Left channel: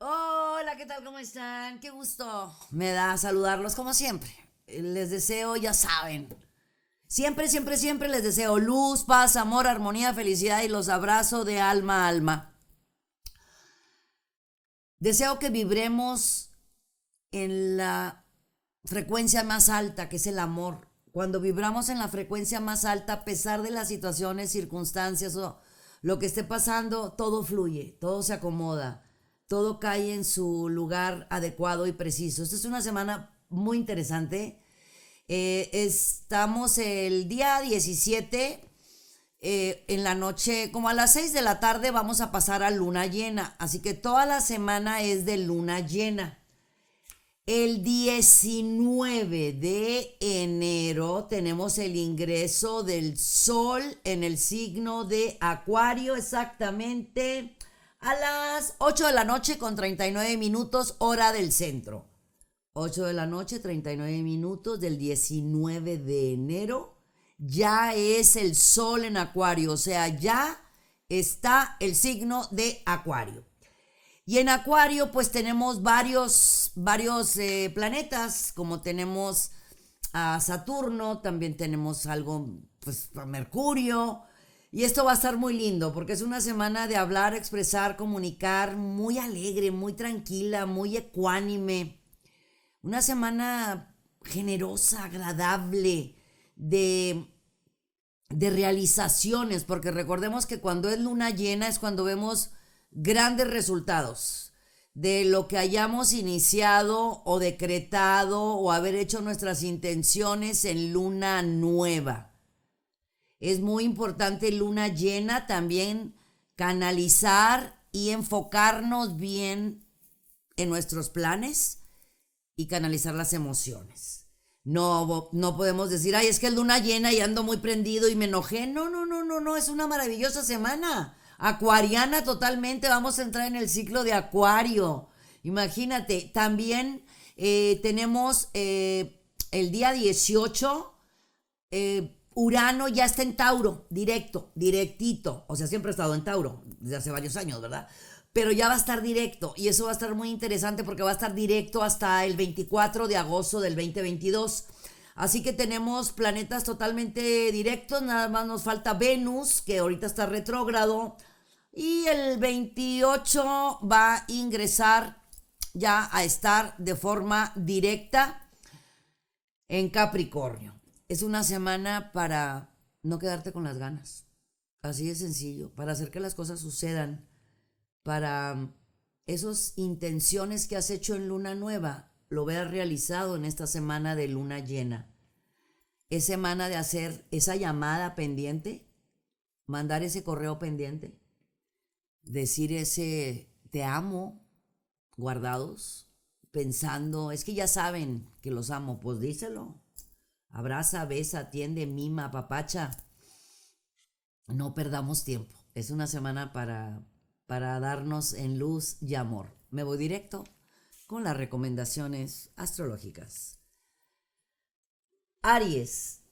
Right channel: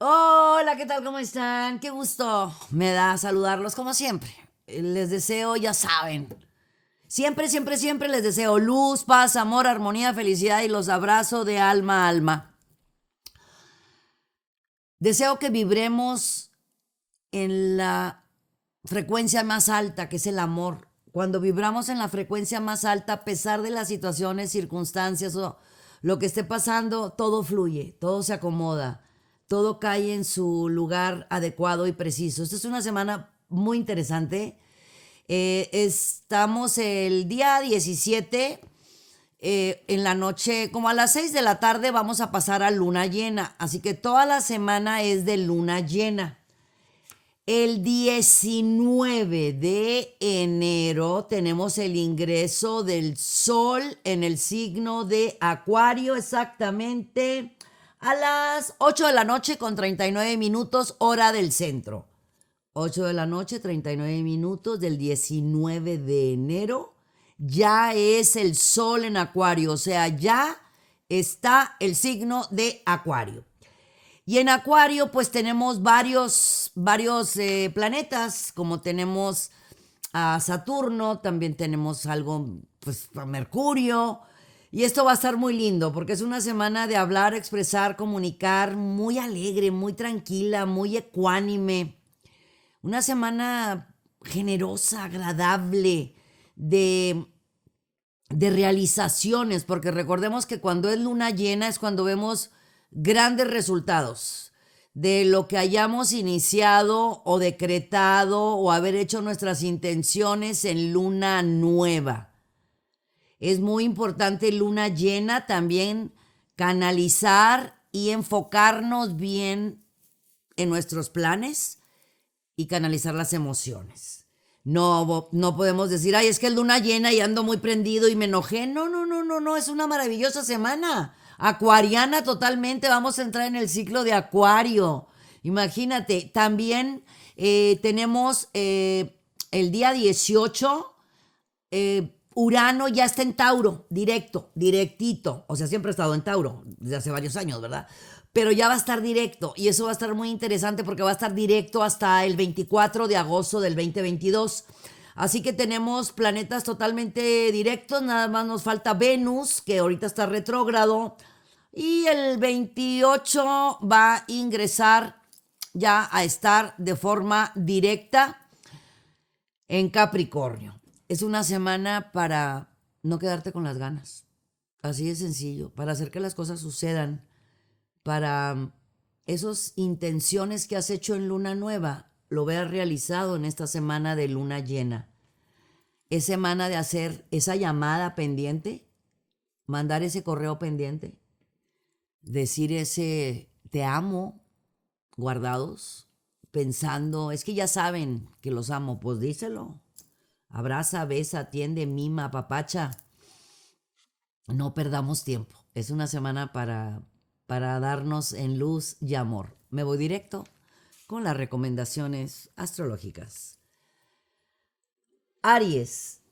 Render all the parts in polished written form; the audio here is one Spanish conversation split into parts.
Hola, ¿qué tal? ¿Cómo están? Qué gusto me da saludarlos como siempre. Les deseo, ya saben, siempre, siempre, siempre les deseo luz, paz, amor, armonía, felicidad y los abrazo de alma a alma. Deseo que vibremos en la frecuencia más alta, que es el amor. Cuando vibramos en la frecuencia más alta, a pesar de las situaciones, circunstancias o lo que esté pasando, todo fluye, todo se acomoda, todo cae en su lugar adecuado y preciso. Esta es una semana muy interesante. Estamos el día 17 en la noche, como a las 6 de la tarde vamos a pasar a luna llena, así que toda la semana es de luna llena. El 19 de enero tenemos el ingreso del sol en el signo de Acuario, exactamente a las 8 de la noche con 39 minutos, hora del centro. 8 de la noche, 39 minutos del 19 de enero. Ya es el sol en Acuario, o sea, ya está el signo de Acuario. Y en Acuario pues tenemos varios planetas, como tenemos a Saturno, también tenemos algo, pues a Mercurio. Y esto va a estar muy lindo porque es una semana de hablar, expresar, comunicar, muy alegre, muy tranquila, muy ecuánime. Una semana generosa, agradable, de, de realizaciones, porque recordemos que cuando es luna llena es cuando vemos grandes resultados de lo que hayamos iniciado o decretado o haber hecho nuestras intenciones en luna nueva. Es muy importante luna llena también canalizar y enfocarnos bien en nuestros planes y canalizar las emociones. No podemos decir, ay, es que es luna llena y ando muy prendido y me enojé. No, no, no, no, no, es una maravillosa semana. Acuariana totalmente, vamos a entrar en el ciclo de Acuario. Imagínate, también tenemos el día 18, Urano ya está en Tauro, directo, directito. O sea, siempre ha estado en Tauro, desde hace varios años, ¿verdad? Pero ya va a estar directo y eso va a estar muy interesante porque va a estar directo hasta el 24 de agosto del 2022. Así que tenemos planetas totalmente directos, nada más nos falta Venus, que ahorita está retrógrado, y el 28 va a ingresar ya a estar de forma directa en Capricornio. Es una semana para no quedarte con las ganas, así de sencillo, para hacer que las cosas sucedan, para esas intenciones que has hecho en luna nueva, lo veas realizado en esta semana de luna llena. Es semana de hacer esa llamada pendiente, mandar ese correo pendiente, decir ese te amo guardados, pensando, es que ya saben que los amo, pues díselo. Abraza, besa, atiende, mima, papacha. No perdamos tiempo. Es una semana para darnos en luz y amor. Me voy directo con las recomendaciones astrológicas. Aries,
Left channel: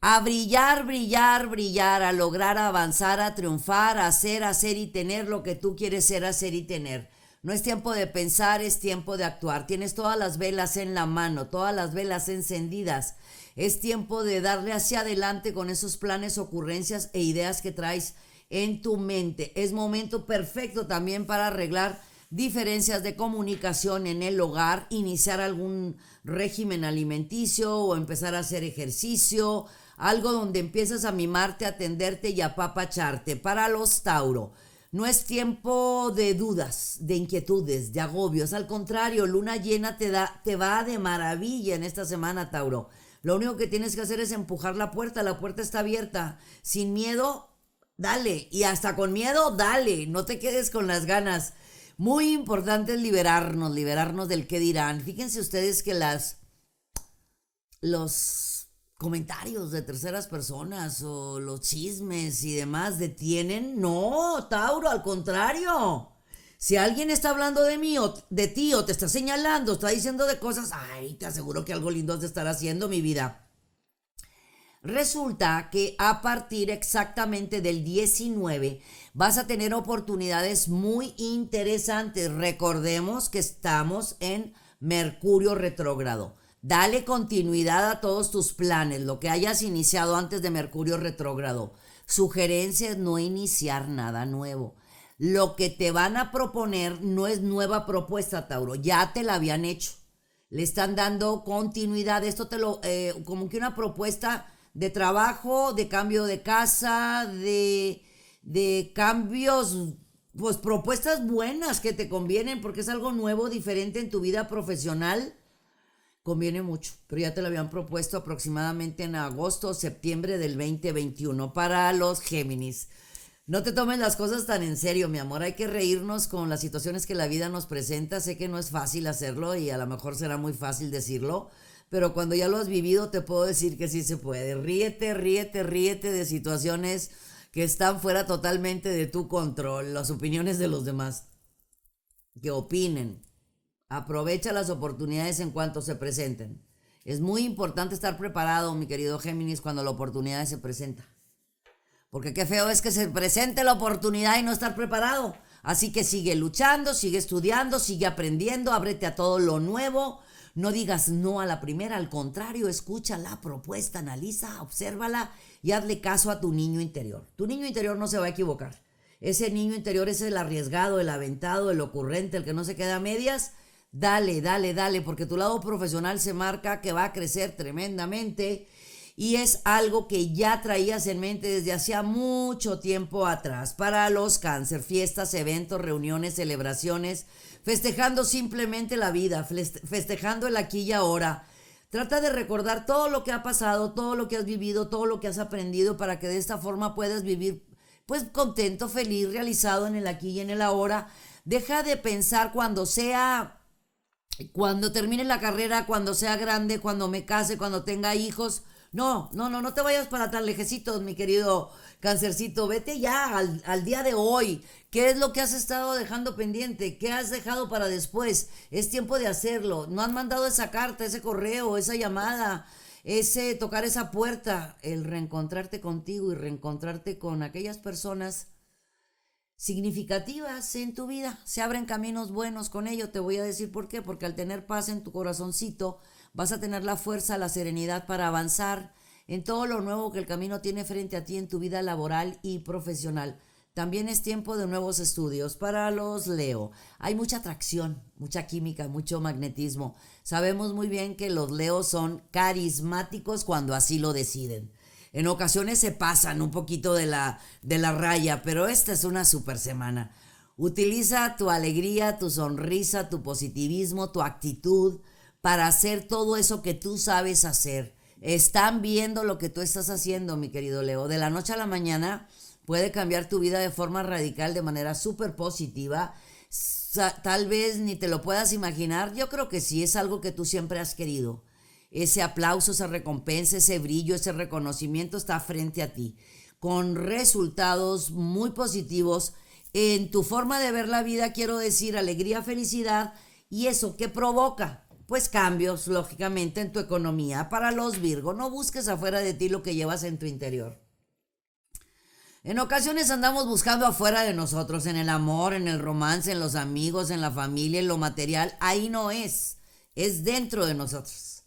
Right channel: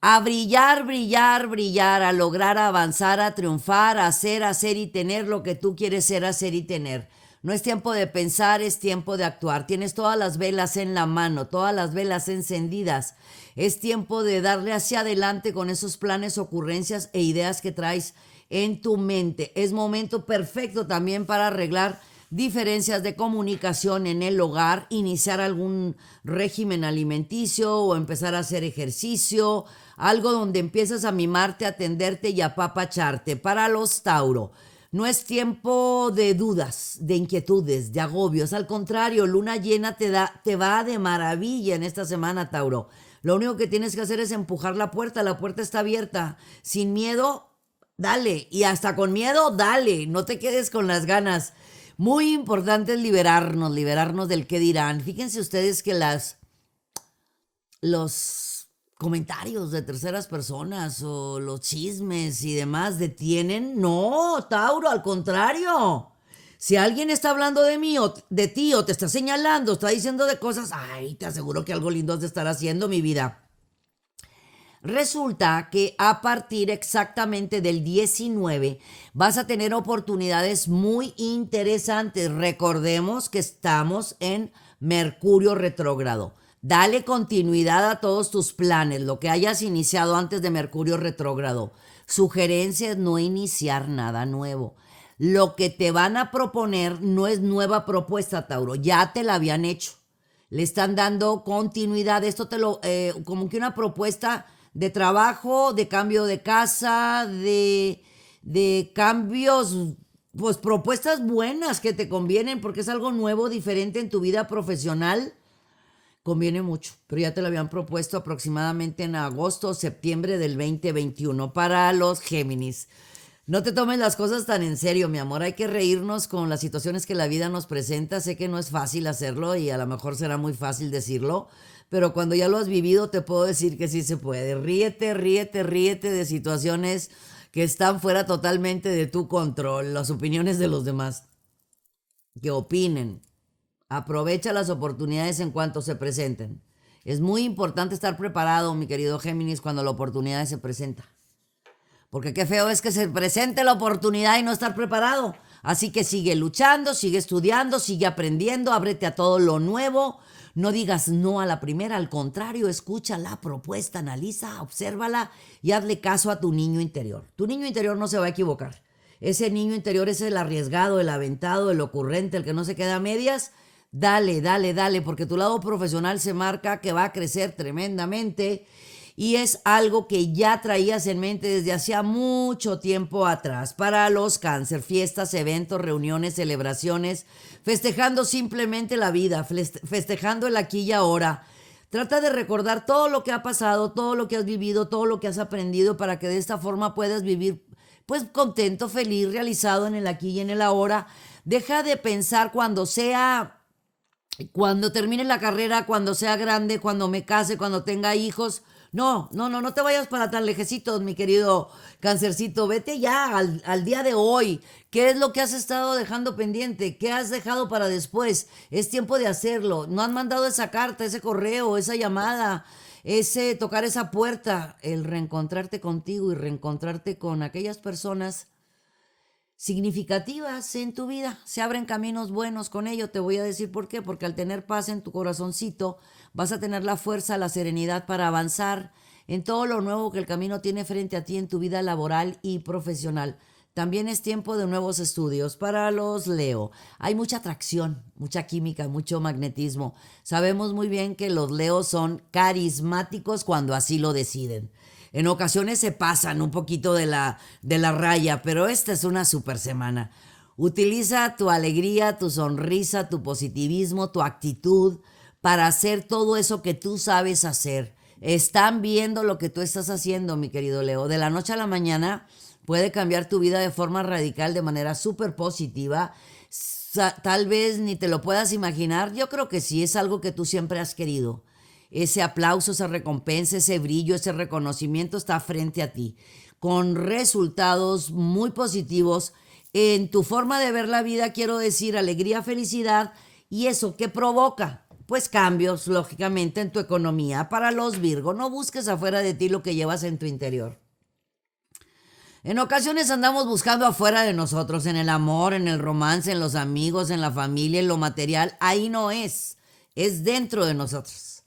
a brillar, brillar, brillar, a lograr avanzar, a triunfar, a hacer y tener lo que tú quieres ser, hacer y tener. No es tiempo de pensar, es tiempo de actuar. Tienes todas las velas en la mano, todas las velas encendidas. Es tiempo de darle hacia adelante con esos planes, ocurrencias e ideas que traes en tu mente. Es momento perfecto también para arreglar diferencias de comunicación en el hogar, iniciar algún régimen alimenticio o empezar a hacer ejercicio, algo donde empiezas a mimarte, a atenderte y a apapacharte. Para los Tauro, no es tiempo de dudas, de inquietudes, de agobios. Al contrario, luna llena te va de maravilla en esta semana, Tauro. Lo único que tienes que hacer es empujar la puerta está abierta. Sin miedo, dale. Y hasta con miedo, dale. No te quedes con las ganas. Muy importante es liberarnos del qué dirán. Fíjense ustedes que los comentarios de terceras personas o los chismes y demás detienen. No, Tauro, al contrario. Si alguien está hablando de mí o de ti o te está señalando, está diciendo de cosas, ay, te aseguro que algo lindo has de estar haciendo, mi vida. Resulta que a partir exactamente del 19 vas a tener oportunidades muy interesantes. Recordemos que estamos en Mercurio retrógrado. Dale continuidad a todos tus planes, lo que hayas iniciado antes de Mercurio retrógrado. Sugerencia es no iniciar nada nuevo. Lo que te van a proponer no es nueva propuesta, Tauro, ya te la habían hecho. Le están dando continuidad. Esto como que una propuesta de trabajo, de cambio de casa, de cambios, pues propuestas buenas que te convienen porque es algo nuevo, diferente en tu vida profesional. Conviene mucho, pero ya te lo habían propuesto aproximadamente en agosto o septiembre del 2021 para los Géminis. No te tomes las cosas tan en serio, mi amor. Hay que reírnos con las situaciones que la vida nos presenta. Sé que no es fácil hacerlo y a lo mejor será muy fácil decirlo, pero cuando ya lo has vivido te puedo decir que sí se puede. Ríete, ríete, ríete de situaciones que están fuera totalmente de tu control, las opiniones de los demás. Que opinen. Aprovecha las oportunidades en cuanto se presenten. Es muy importante estar preparado, mi querido Géminis, cuando la oportunidad se presenta. Porque qué feo es que se presente la oportunidad y no estar preparado. Así que sigue luchando, sigue estudiando, sigue aprendiendo, ábrete a todo lo nuevo. No digas no a la primera, al contrario, escucha la propuesta, analiza, obsérvala y hazle caso a tu niño interior. Tu niño interior no se va a equivocar. Ese niño interior es el arriesgado, el aventado, el ocurrente, el que no se queda a medias. Dale, dale, dale, porque tu lado profesional se marca que va a crecer tremendamente. Y es algo que ya traías en mente desde hacía mucho tiempo atrás. Para los Cáncer, fiestas, eventos, reuniones, celebraciones, festejando simplemente la vida, festejando el aquí y ahora. Trata de recordar todo lo que ha pasado, todo lo que has vivido, todo lo que has aprendido para que de esta forma puedas vivir pues contento, feliz, realizado en el aquí y en el ahora. Deja de pensar cuando termine la carrera, cuando sea grande, cuando me case, cuando tenga hijos. No te vayas para tan lejecitos, mi querido Cancercito. Vete ya al día de hoy. ¿Qué es lo que has estado dejando pendiente? ¿Qué has dejado para después? Es tiempo de hacerlo. No han mandado esa carta, ese correo, esa llamada, ese tocar esa puerta. El reencontrarte contigo y reencontrarte con aquellas personas significativas en tu vida. Se abren caminos buenos con ello. Te voy a decir por qué. Porque al tener paz en tu corazoncito, vas a tener la fuerza, la serenidad para avanzar en todo lo nuevo que el camino tiene frente a ti en tu vida laboral y profesional. También es tiempo de nuevos estudios. Para los Leo, hay mucha atracción, mucha química, mucho magnetismo. Sabemos muy bien que los Leos son carismáticos cuando así lo deciden. En ocasiones se pasan un poquito de la raya, pero esta es una super semana. Utiliza tu alegría, tu sonrisa, tu positivismo, tu actitud para hacer todo eso que tú sabes hacer. Están viendo lo que tú estás haciendo, mi querido Leo. De la noche a la mañana puede cambiar tu vida de forma radical, de manera súper positiva. Tal vez ni te lo puedas imaginar. Yo creo que sí, es algo que tú siempre has querido. Ese aplauso, esa recompensa, ese brillo, ese reconocimiento está frente a ti, con resultados muy positivos en tu forma de ver la vida. Quiero decir, alegría, felicidad. ¿Y eso qué provoca? Pues cambios, lógicamente, en tu economía. Para los Virgo, no busques afuera de ti lo que llevas en tu interior. En ocasiones andamos buscando afuera de nosotros, en el amor, en el romance, en los amigos, en la familia, en lo material. Ahí no es dentro de nosotros.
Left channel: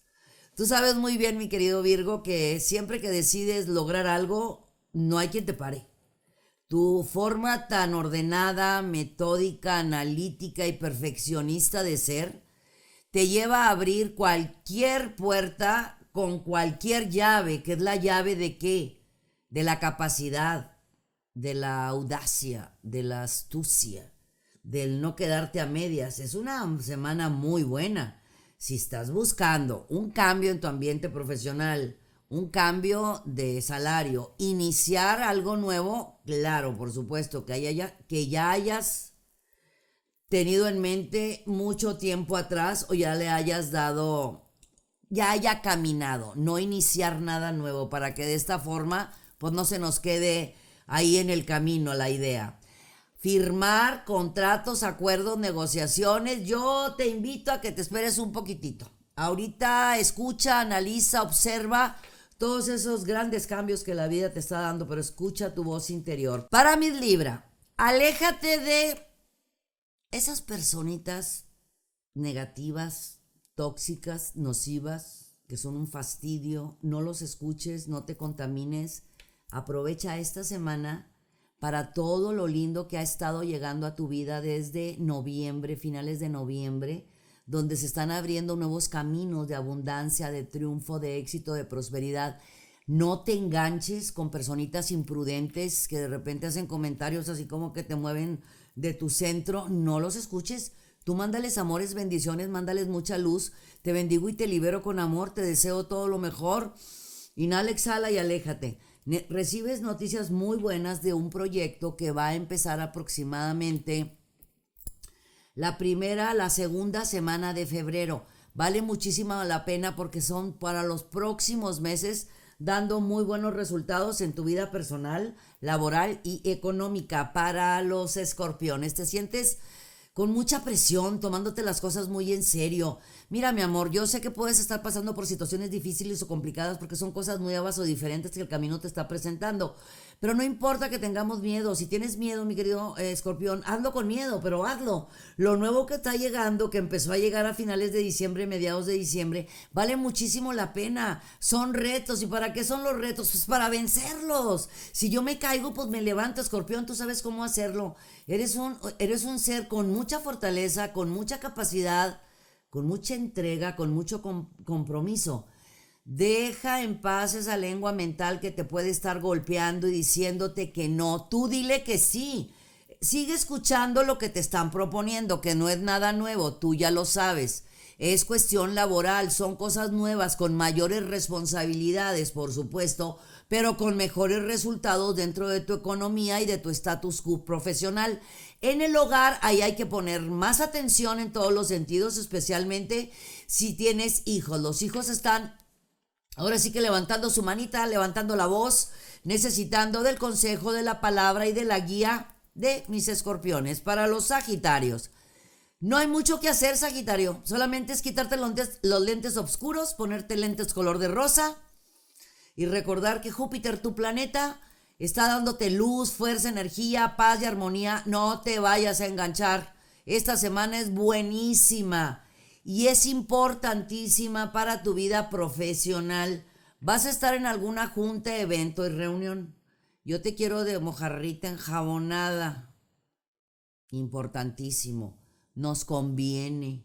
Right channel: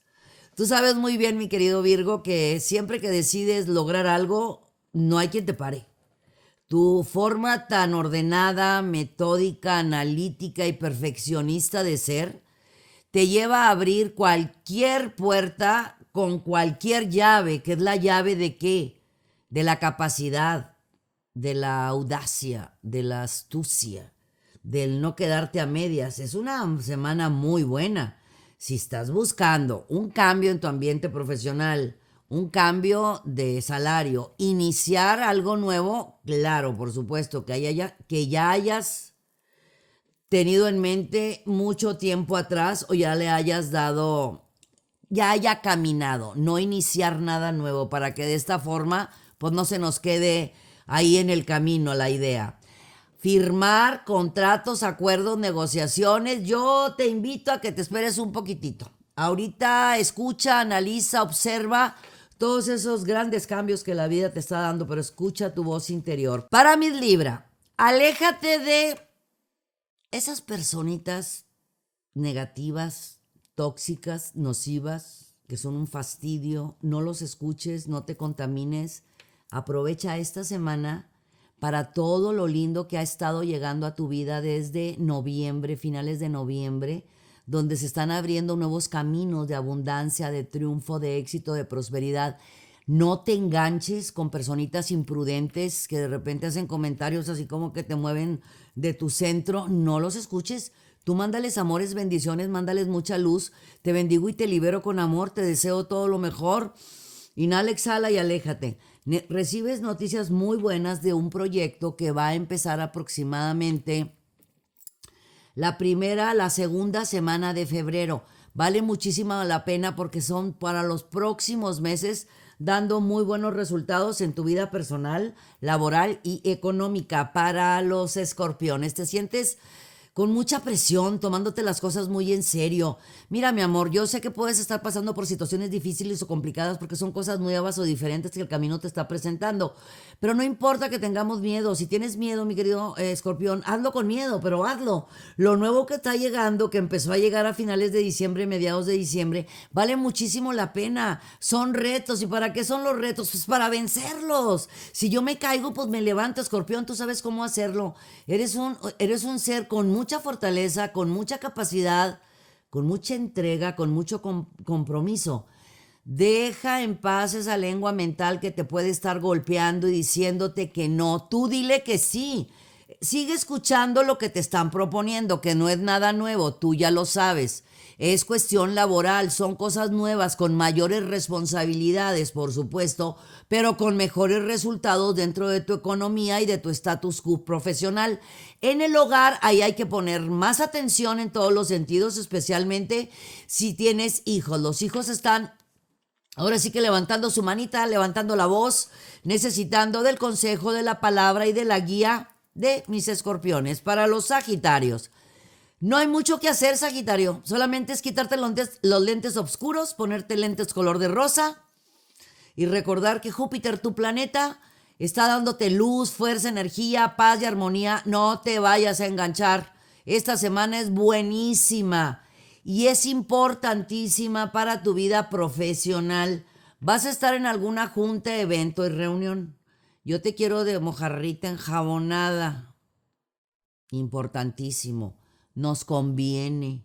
Tú sabes muy bien, mi querido Virgo, que siempre que decides lograr algo, no hay quien te pare. Tu forma tan ordenada, metódica, analítica y perfeccionista de ser te lleva a abrir cualquier puerta con cualquier llave, que es la llave de ¿qué? De la capacidad, de la audacia, de la astucia, del no quedarte a medias. Es una semana muy buena. Si estás buscando un cambio en tu ambiente profesional, un cambio de salario, iniciar algo nuevo, claro, por supuesto, que ya hayas tenido en mente mucho tiempo atrás o ya le hayas dado, ya haya caminado, no iniciar nada nuevo para que de esta forma pues no se nos quede ahí en el camino la idea. Firmar contratos, acuerdos, negociaciones. Yo te invito a que te esperes un poquitito. Ahorita escucha, analiza, observa. todos esos grandes cambios que la vida te está dando, pero escucha tu voz interior. Para mi Libra, aléjate de esas personitas negativas, tóxicas, nocivas, que son un fastidio. No los escuches, no te contamines. Aprovecha esta semana para todo lo lindo que ha estado llegando a tu vida desde noviembre, finales de noviembre, donde se están abriendo nuevos caminos de abundancia, de triunfo, de éxito, de prosperidad. No te enganches con personitas imprudentes que de repente hacen comentarios así como que te mueven de tu centro. No los escuches. Tú mándales amores, bendiciones, mándales mucha luz. Te bendigo y te libero con amor. Te deseo todo lo mejor. Inhala, exhala y aléjate. Recibes noticias muy buenas de un proyecto que va a empezar aproximadamente la segunda semana de febrero. Vale muchísimo la pena porque son para los próximos meses, dando muy buenos resultados en tu vida personal, laboral y económica. Para los escorpiones, te sientes con mucha presión, tomándote las cosas muy en serio. Mira, mi amor, yo sé que puedes estar pasando por situaciones difíciles o complicadas porque son cosas nuevas o diferentes que el camino te está presentando. Pero no importa que tengamos miedo. Si tienes miedo, mi querido escorpión, hazlo con miedo, pero hazlo. Lo nuevo que está llegando, que empezó a llegar a finales de diciembre, mediados de diciembre, vale muchísimo la pena. Son retos. ¿Y para qué son los retos? Pues para vencerlos. Si yo me caigo, pues me levanto, escorpión, tú sabes cómo hacerlo. Eres un ser con mucha fortaleza, con mucha capacidad, con mucha entrega, con mucho compromiso. Deja en paz esa lengua mental que te puede estar golpeando y diciéndote que no. Tú dile que sí. Sigue escuchando lo que te están proponiendo, que no es nada nuevo, tú ya lo sabes. Es cuestión laboral, son cosas nuevas, con mayores responsabilidades, por supuesto, pero con mejores resultados dentro de tu economía y de tu estatus quo profesional. En el hogar, ahí hay que poner más atención en todos los sentidos, especialmente si tienes hijos. Los hijos están ahora sí que levantando su manita, levantando la voz, necesitando del consejo, de la palabra y de la guía de mis escorpiones. Para los sagitarios, no hay mucho que hacer, Sagitario. Solamente es quitarte los lentes oscuros, ponerte lentes color de rosa y recordar que Júpiter, tu planeta, está dándote luz, fuerza, energía, paz y armonía. No te vayas a enganchar. Esta semana es buenísima y es importantísima para tu vida profesional. Vas a estar en alguna junta, evento y reunión. Yo te quiero de mojarrita enjabonada. Importantísimo. Nos conviene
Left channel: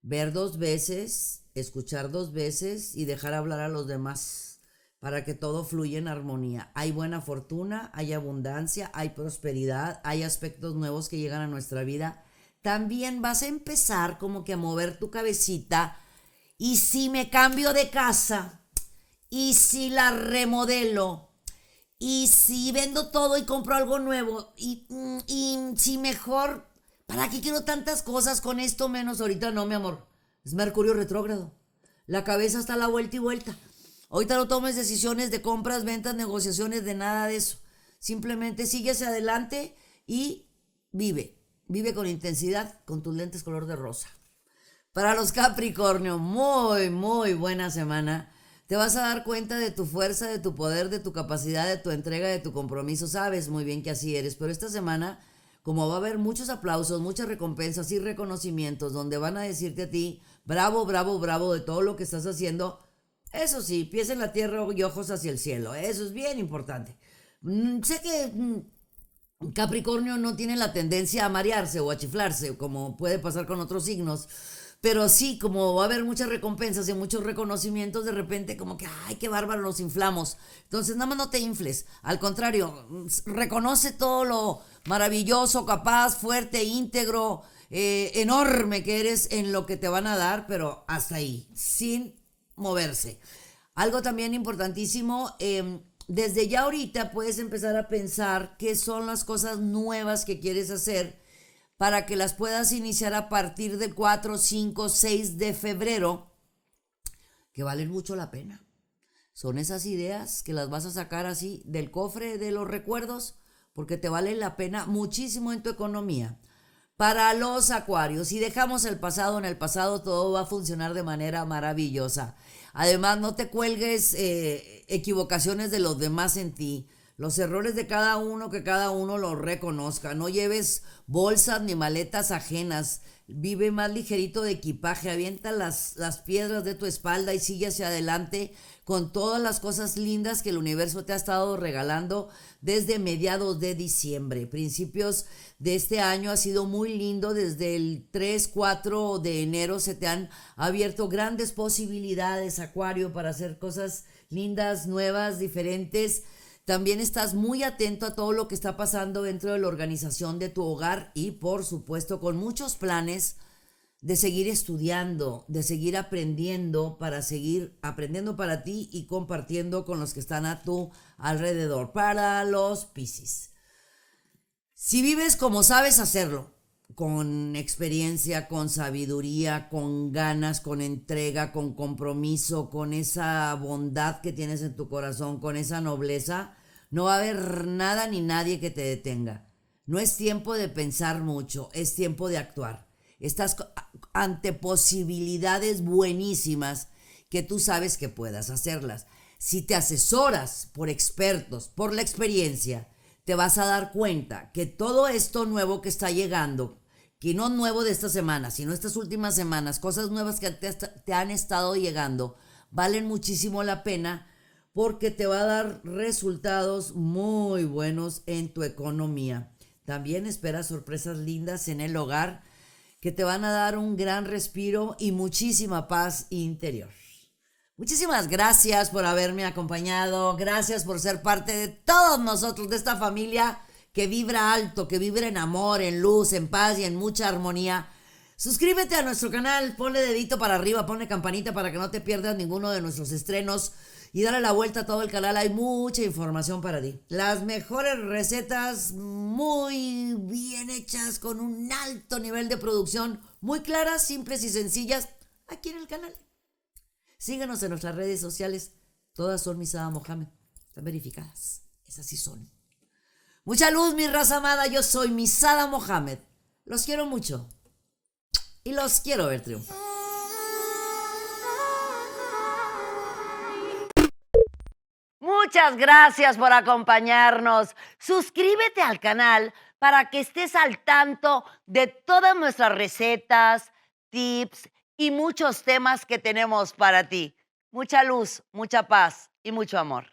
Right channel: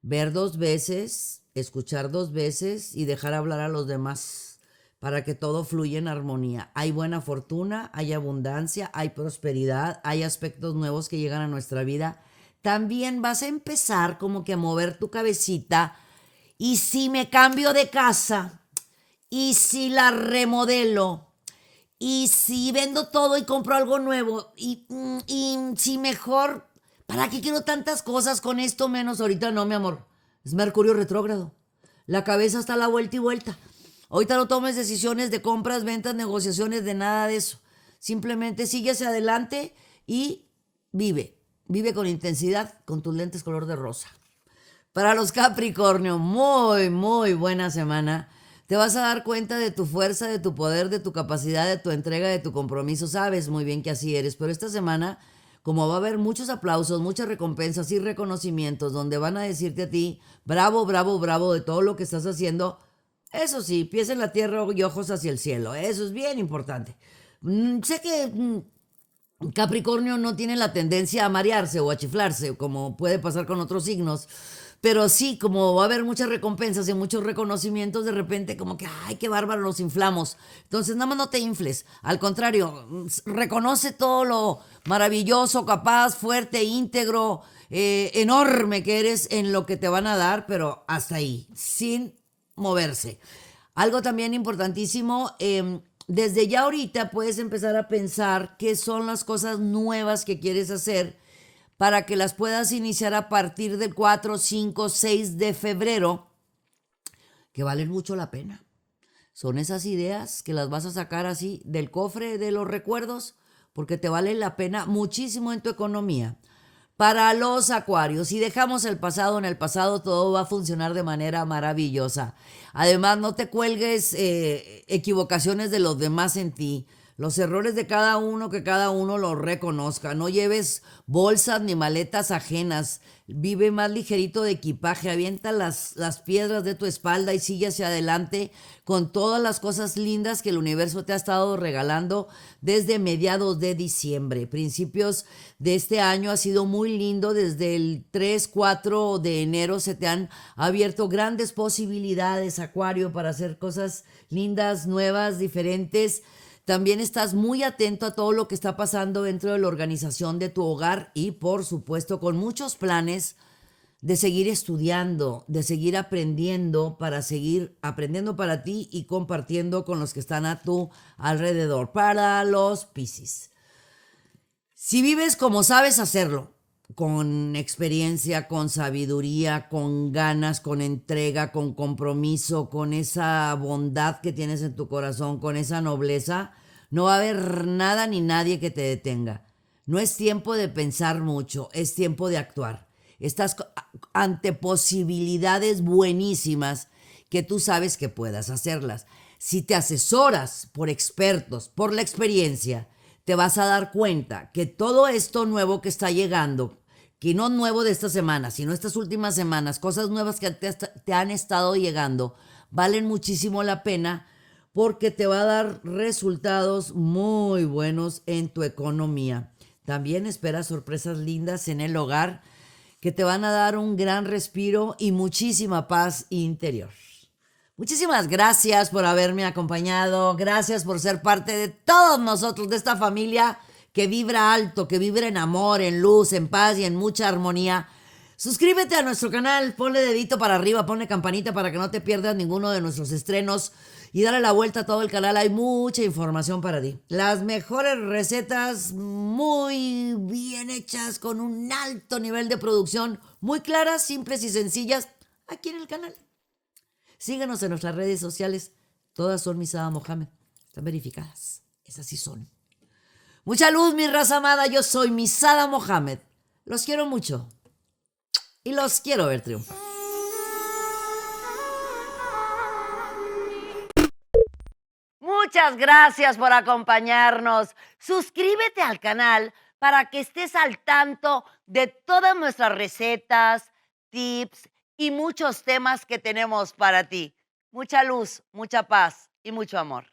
ver 2 veces, escuchar 2 veces y dejar hablar a los demás para que todo fluya en armonía. Hay buena fortuna, hay abundancia, hay prosperidad, hay aspectos nuevos que llegan a nuestra vida. También vas a empezar como que a mover tu cabecita. Y si me cambio de casa, y si la remodelo, y si vendo todo y compro algo nuevo, y si mejor, ¿para qué quiero tantas cosas con esto menos? Ahorita no, mi amor, es Mercurio retrógrado. La cabeza está a la vuelta y vuelta. Ahorita no tomes decisiones de compras, ventas, negociaciones, de nada de eso. Simplemente sigue hacia adelante y vive. Vive con intensidad, con tus lentes color de rosa. Para los Capricornio, muy, muy buena semana. Te vas a dar cuenta de tu fuerza, de tu poder, de tu capacidad, de tu entrega, de tu compromiso. Sabes muy bien que así eres, pero esta semana, como va a haber muchos aplausos, muchas recompensas y reconocimientos, donde van a decirte a ti, bravo, bravo, bravo de todo lo que estás haciendo. Eso sí, pies en la tierra y ojos hacia el cielo. Eso es bien importante. Sé que Capricornio no tiene la tendencia a marearse o a chiflarse, como puede pasar con otros signos, pero sí, como va a haber muchas recompensas y muchos reconocimientos, de repente como que, ay, qué bárbaro, nos inflamos. Entonces, nada más no te infles. Al contrario, reconoce todo lo maravilloso, capaz, fuerte, íntegro, enorme que eres en lo que te van a dar, pero hasta ahí, sin moverse. Algo también importantísimo, desde ya ahorita puedes empezar a pensar qué son las cosas nuevas que quieres hacer para que las puedas iniciar a partir del 4, 5, 6 de febrero, que valen mucho la pena. Son esas ideas que las vas a sacar así del cofre de los recuerdos, porque te valen la pena muchísimo en tu economía. Para los acuarios, si dejamos el pasado en el pasado, todo va a funcionar de manera maravillosa. Además, no te cuelgues equivocaciones de los demás en ti. Los errores de cada uno, que cada uno los reconozca. No lleves bolsas ni maletas ajenas. Vive más ligerito de equipaje. Avienta las piedras de tu espalda y sigue hacia adelante con todas las cosas lindas que el universo te ha estado regalando desde mediados de diciembre. Principios de este año ha sido muy lindo. Desde el 3, 4 de enero se te han abierto grandes posibilidades, Acuario, para hacer cosas lindas, nuevas, diferentes. También estás muy atento a todo lo que está pasando dentro de la organización de tu hogar y, por supuesto, con muchos planes de seguir estudiando, de seguir aprendiendo para seguir aprendiendo para ti y compartiendo con los que están a tu alrededor. Para los Piscis. Si vives como sabes hacerlo, con experiencia, con sabiduría, con ganas, con entrega, con compromiso, con esa bondad que tienes en tu corazón, con esa nobleza, no va a haber nada ni nadie que te detenga. No es tiempo de pensar mucho, es tiempo de actuar. Estás ante posibilidades buenísimas que tú sabes que puedas hacerlas. Si te asesoras por expertos, por la experiencia, te vas a dar cuenta que todo esto nuevo que está llegando, que no nuevo de esta semana, sino estas últimas semanas, cosas nuevas que te han estado llegando, valen muchísimo la pena porque te va a dar resultados muy buenos en tu economía. También espera sorpresas lindas en el hogar que te van a dar un gran respiro y muchísima paz interior. Muchísimas gracias por haberme acompañado, gracias por ser parte de todos nosotros, de esta familia que vibra alto, que vibra en amor, en luz, en paz y en mucha armonía. Suscríbete a nuestro canal, ponle dedito para arriba, ponle campanita para que no te pierdas ninguno de nuestros estrenos y dale la vuelta a todo el canal, hay mucha información para ti. Las mejores recetas muy bien hechas, con un alto nivel de producción, muy claras, simples y sencillas, aquí en el canal. Síguenos en nuestras redes sociales, todas son Misada Mohamed, están verificadas, esas sí son. Mucha luz, mi raza amada, yo soy Misada Mohamed, los quiero mucho y los quiero ver triunfar. Muchas gracias por acompañarnos. Suscríbete al canal para que estés al tanto de todas nuestras recetas, tips y muchos temas que tenemos para ti. Mucha luz, mucha paz y mucho amor.